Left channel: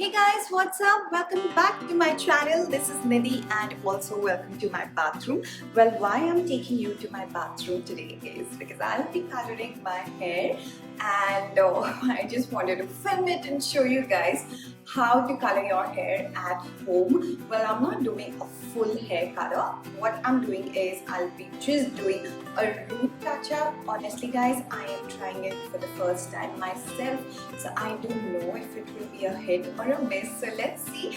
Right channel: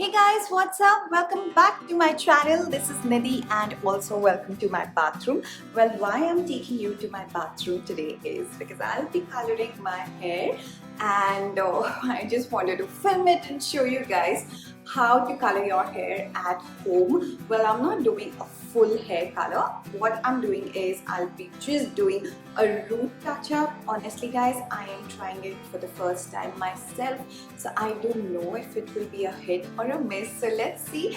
Hey guys, what's up? Welcome back to my channel. This is Nidhi and also welcome to my bathroom. Well, why I'm taking you to my bathroom today is because I'll be coloring my hair and I just wanted to film it and show you guys how to color your hair at home. Well, I'm not doing a full hair color. What I'm doing is I'll be just doing a root touch up. Honestly guys, I am trying it for the first time myself, so I don't know if it will be a hit or a miss. So let's see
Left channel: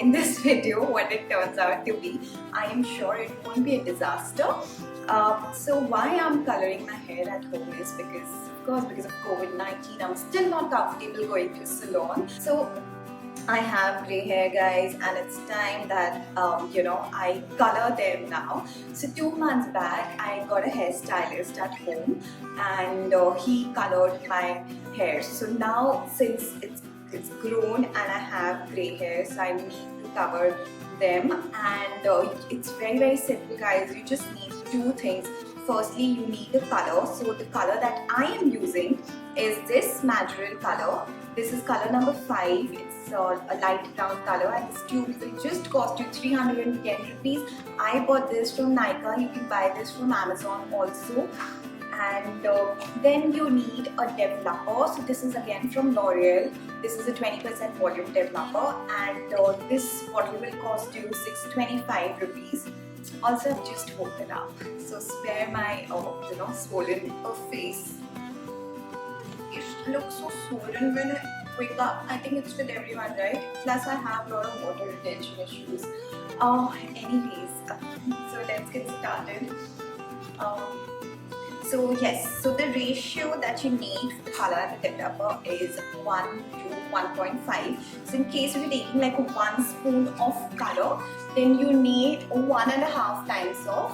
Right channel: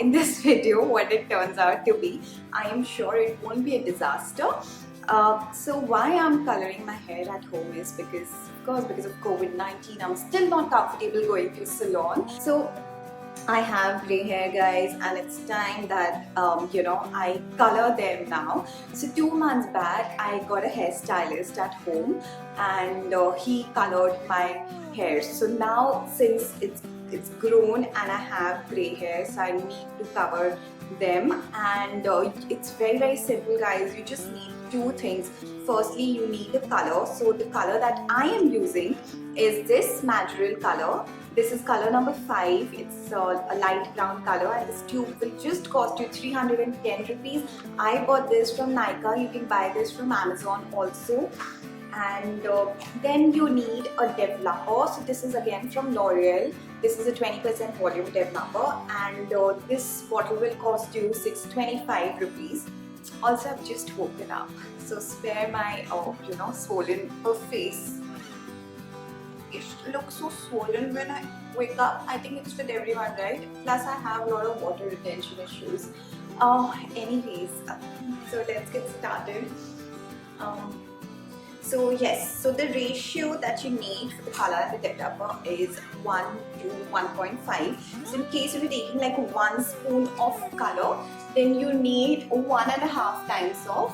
in this video what it turns out to be. I am sure it won't be a disaster. So why I'm coloring my hair at home is because of COVID-19 I'm still not comfortable going to salon. So I have grey hair guys and it's time that I color them now. So 2 months back I got a hairstylist at home and he colored my hair. So now since it's grown and I have grey hair, so I need to cover them, and it's very simple guys. You just need two things. Firstly, you need the color. So the color that I am using is this Madril color. This is color number 5. It's a light brown color and this tube will just cost you 310 rupees. I bought this from Nykaa. You can buy this from Amazon also. And then you need a developer. So this is again from L'Oreal. This is a 20% volume developer and this bottle will cost you 625 rupees. Also, I've just woken up, so spare my swollen face. It looks so swollen when I wake up. I think it's with everyone, right? Plus I have a lot of water retention issues. Anyways, so let's get started. So yes, so the ratio that you need for the color and the developer is 1 to 1.5. So in case you're taking like 1 spoon of color, then you need 1.5 times of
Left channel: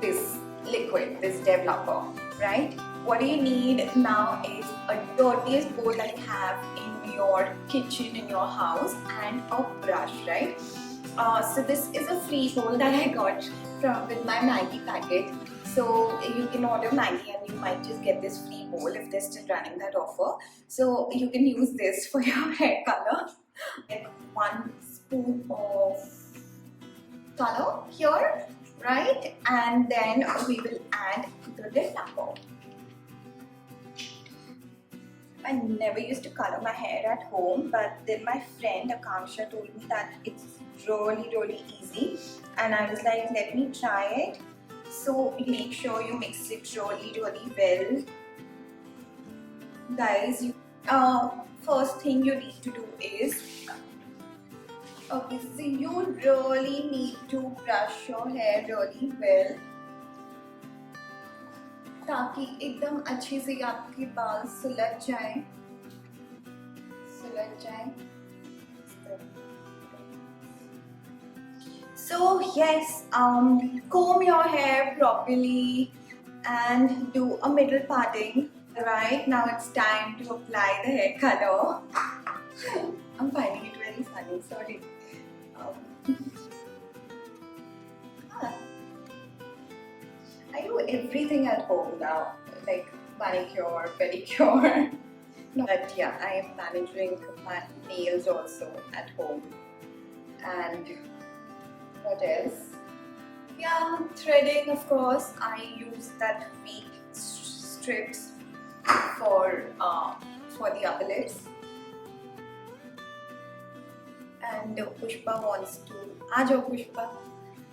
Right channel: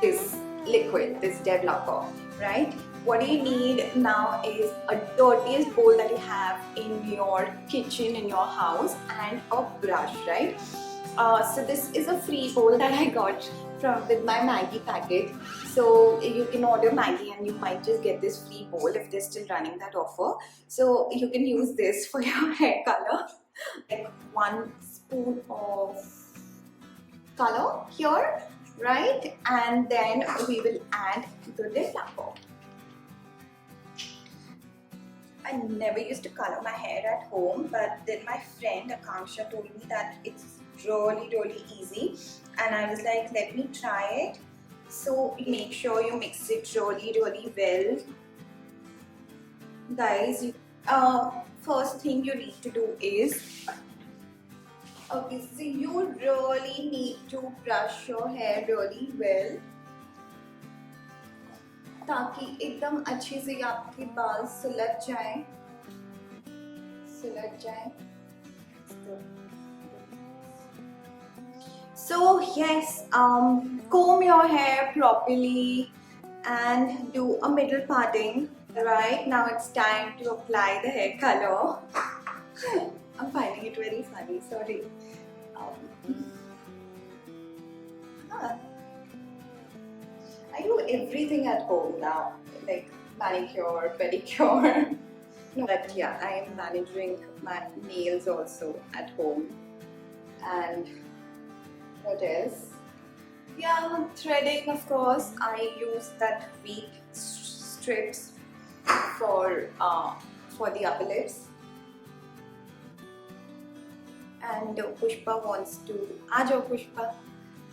this liquid, this developer, right? What you need now is a dirtiest bowl that you have in your kitchen, in your house, and a brush, right? So this is a free bowl that I got with my Maggi packet. So you can order Maggi and you might just get this free bowl if they're still running that offer. So you can use this for your hair color. Like 1 spoon of color here, right? And then we will add the developer. I never used to color my hair at home, but then my friend Akanksha told me that it's really easy, and I was like, let me try it. So make sure you mix it really well, guys. First thing you need to do is, okay, so you really need to brush your hair really well ताकि एकदम अच्छे से आपके बाल सुलझ जाएं. So yes, comb your hair properly and do a middle parting. Right now it's time to apply the hair color. I'm finding it very funny, sorry. I do everything at home now, like manicure, pedicure. But yeah, I am managing my nails also at home. And what else? Yeah, threading, of course. I use that weak strips for the upper lips. And Pushpa wants to. Aajo Pushpa,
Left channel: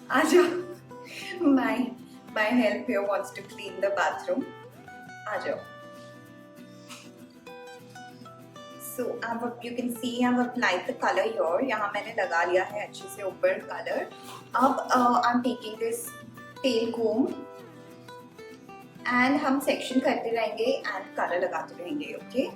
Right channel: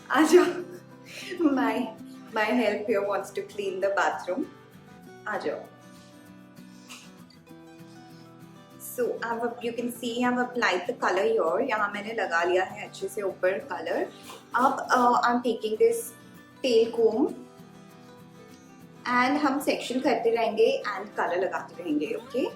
aajo. My help here wants to clean the bathroom. Aajo. So you can see I've applied the color here. यहाँ मैंने लगा लिया है अच्छे से ऊपर color. अब I'm taking this tail comb and हम section करते रहेंगे and color लगाते रहेंगे, okay?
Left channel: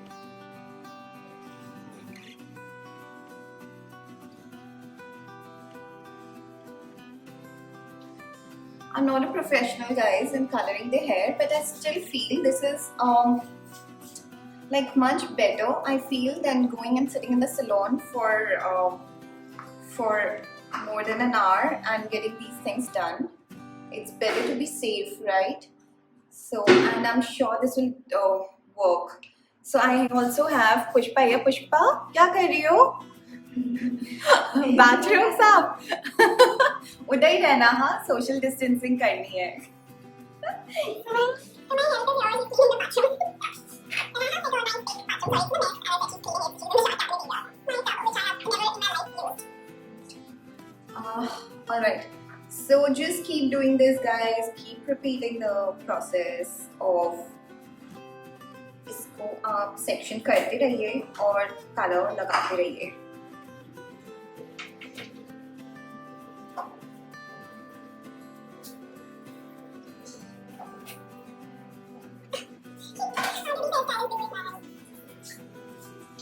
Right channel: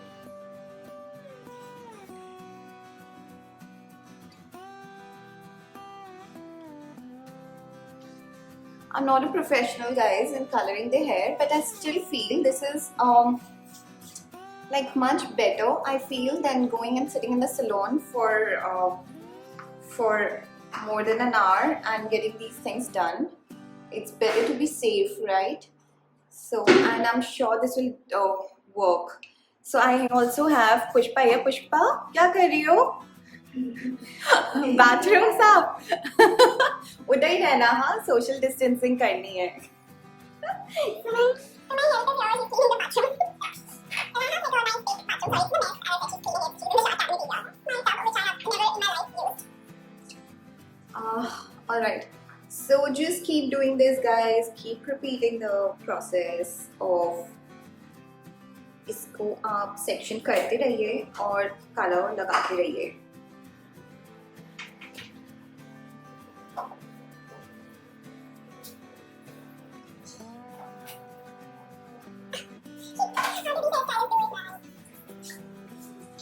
I'm not a professional guys in coloring the hair, but I still feel this is like much better, I feel, than going and sitting in the salon for more than an hour and getting these things done. It's better to be safe, right? So, and I'm sure this will work. So I also have Pushpa here. Pushpa, क्या कर रही हो? Bathroom साफ उधर ही रहना, हाँ, social distancing करनी है. Alright, so just keep doing this guys, keep repeating the process of इसको आप सेक्शन करते रहिए और कलर लगाते रहिए.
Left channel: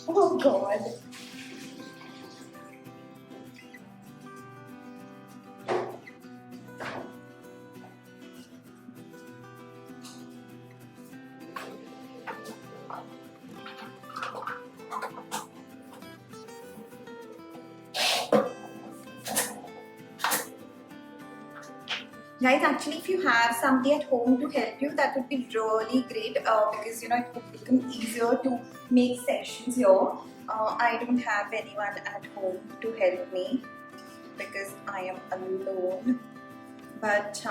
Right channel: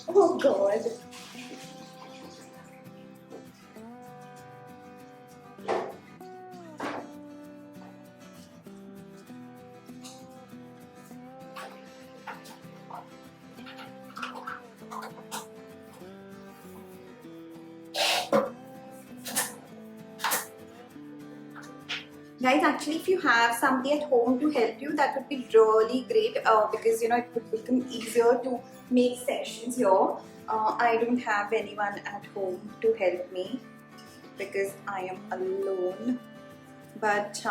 Oh God. Guys, actually, if you have somebody at home to help you, that would be really great because you know it would become easier to make sessions here. I don't have anyone at home to help me because I am alone. But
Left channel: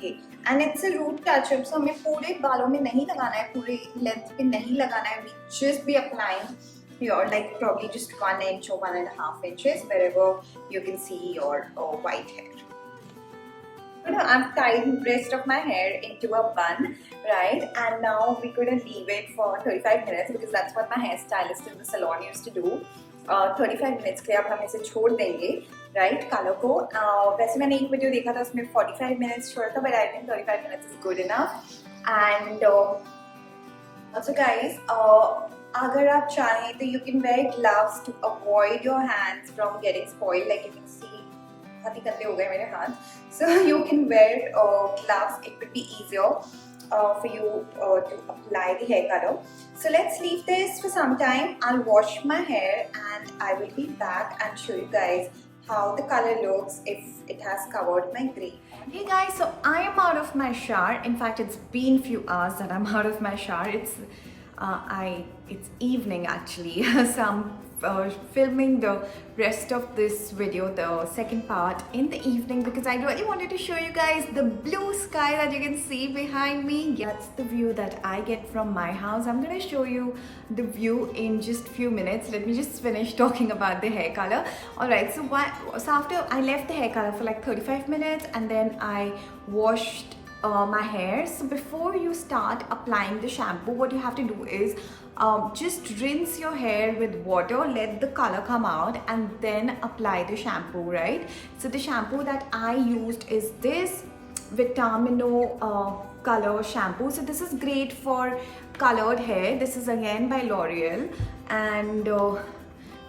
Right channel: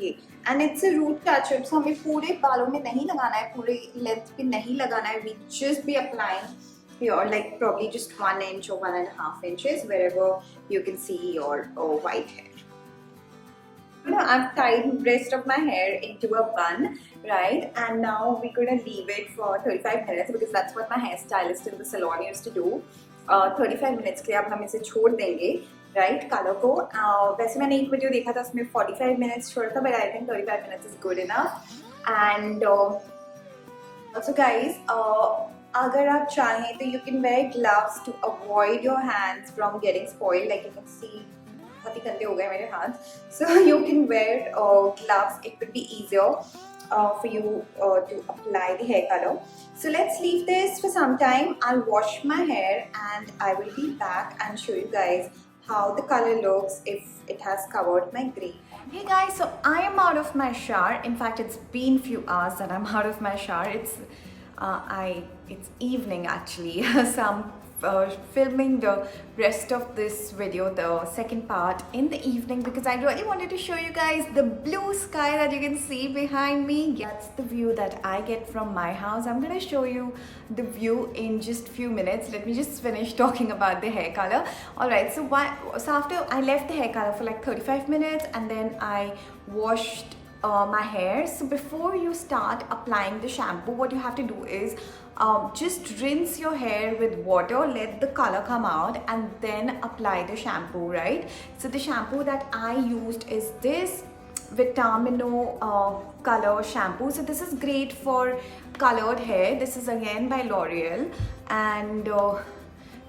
ये and it's a root touch-up, so हमें पूरे बालों में नहीं लगाना है, पूरे length पे नहीं लगाना है. We just be applying here, like probably just 1 inch or 1.5 inches wherever you can see your white hair. You know, I've tied rest of my hair into a bun, right? And now we're gonna leave it for 35 minutes because that's what my hairstylist in the salon used to do. 35 minutes के लिए अब हम इसे छोड़ देंगे, right? Colour को वैसे मैंने एक वीडियो देखा था उसमें 45 minutes छोड़ा था, but I think 35 minutes is good enough. And also guys, अगर आप चाहें तो you can wear gloves to avoid your hands from getting spoiled. Like you can see, बहुत ही गंदे हो गए मेरे हाथ. So you can wear gloves. It would be easier for you to apply the hair color. So let's leave this for some time. I'll wash my hair and I will be back and show you guys how the color looks if it has covered my grey. Hey guys, so I am out of my shower. In fact, it's been few hours that I'm out of my shower. It's evening actually. So I'm filming the rest of this video, the second part, in the evening because I really wanted to show you guys the blue sky that you can see behind me. That's the view that I get from my house. I'm gonna show you the view in just few minutes. Let me just finish talking about the hair color. Alright, so after I left the hair color for like 35 minutes and then I washed my hair. So before you start applying the shampoo, what you have to do is just rinse your hair with water, let the color come out and then apply the shampoo, right? So the shampoo that I used is this Vitamino color shampoo. So this is great for colored hair. This is again by L'Oreal. And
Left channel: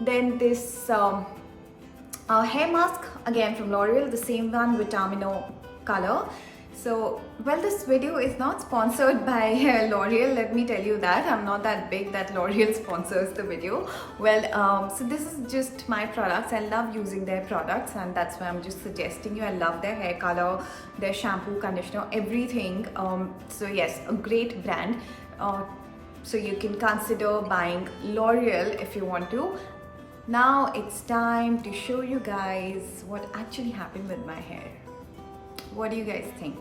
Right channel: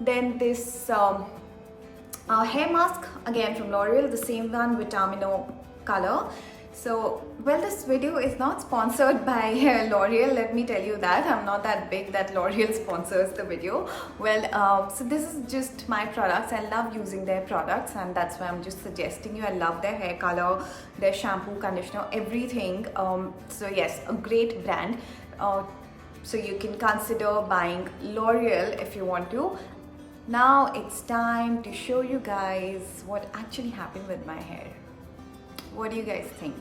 then this hair mask again from L'Oreal, the same one, Vitamino color. So, well, this video is not sponsored by L'Oreal, let me tell you that. I'm not that big that L'Oreal sponsors the video. Well, so this is just my products. I love using their products and that's why I'm just suggesting you. I love their hair color, their shampoo, conditioner, everything. So yes, a great brand. So you can consider buying L'Oreal if you want to. Now it's time to show you guys what actually happened with my hair. What do you guys think?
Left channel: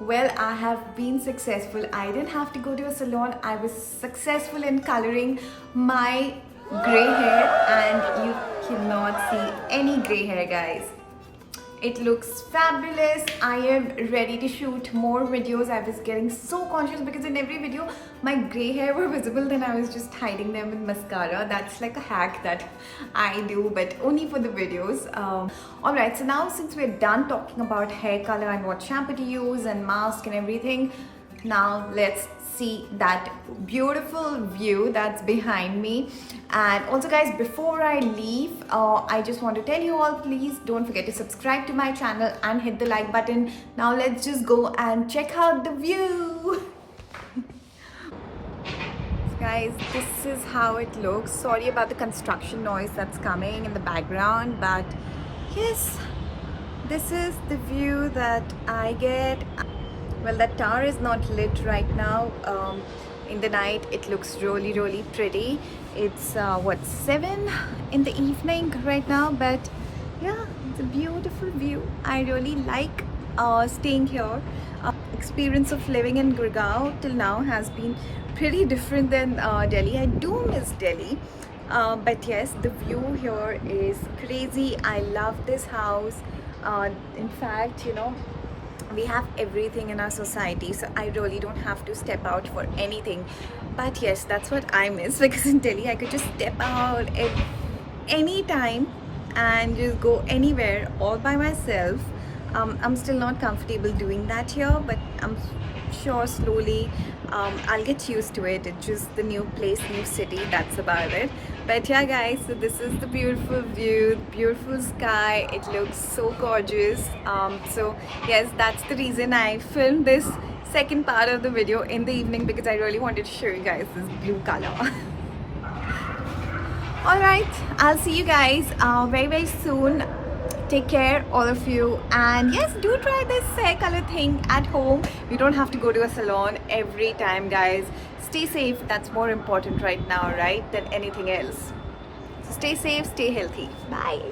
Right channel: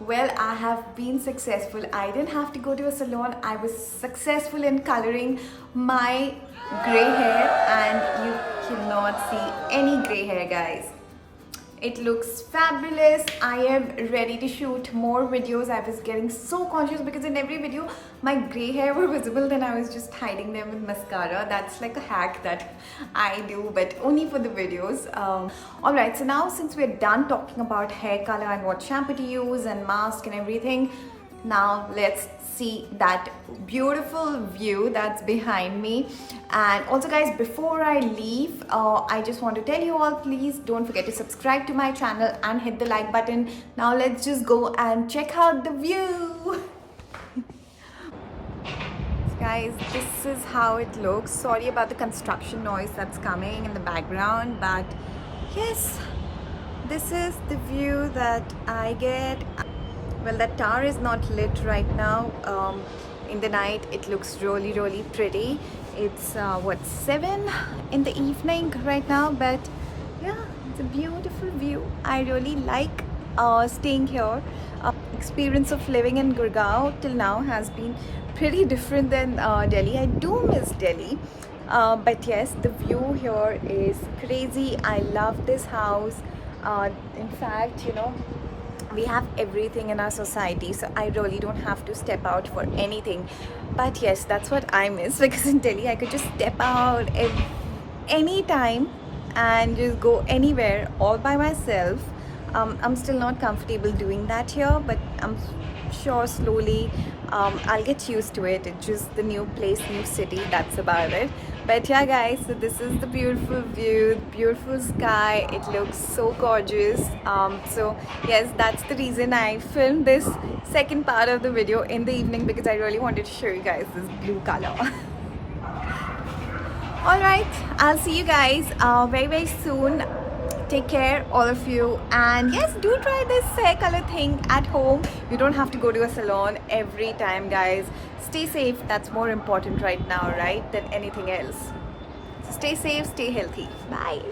Well, I have been successful. I didn't have to go to a salon. I was successful in coloring my grey hair and you cannot see any grey hair, guys. It looks fabulous. I am ready to shoot more videos. I was getting so conscious because in every video my grey hair were visible, then I was just hiding them with mascara. That's like a hack that I do, but only for the videos. Alright, so now since we're done talking about hair color and what shampoo to use and mask and everything, now let's see that beautiful view that's behind me. And also guys, before I leave, I just want to tell you all, please don't forget to subscribe to my channel and hit the like button. Now let's just go and check out the view. Guys, this is how it looks. Sorry about the construction noise that's coming in the background, but yes, this is the view that I get. Well, that tower is not lit right now. in the night it looks really pretty. It's what, 7 in the evening right now, but yeah, it's a beautiful view. I really like staying here. Experience of living in Gurgaon till now has been pretty different than Delhi. I do miss Delhi, but yes, the view here is crazy. I love this house. In fact, you know, we have everything in our society, so I really don't have to step out for anything. But yes, that's what I miss, because in Delhi I could just step out any time and just go anywhere all by myself. I'm still not comfortable doing that here, but I'm sure slowly I'll get used to it. It's just the new place, new city, that's about it. But yeah guys, so this is the beautiful view, beautiful sky. It looks so gorgeous. So yes, that's the reason I filmed this second part of the video in the evening, because I really wanted to show you guys this blue color. Alright, I'll see you guys very soon. Take care, all of you, and yes, do try this hair color thing at home. You don't have to go to a salon every time, guys. Stay safe, that's more important right now, right, than anything else. So stay safe, stay healthy. Bye.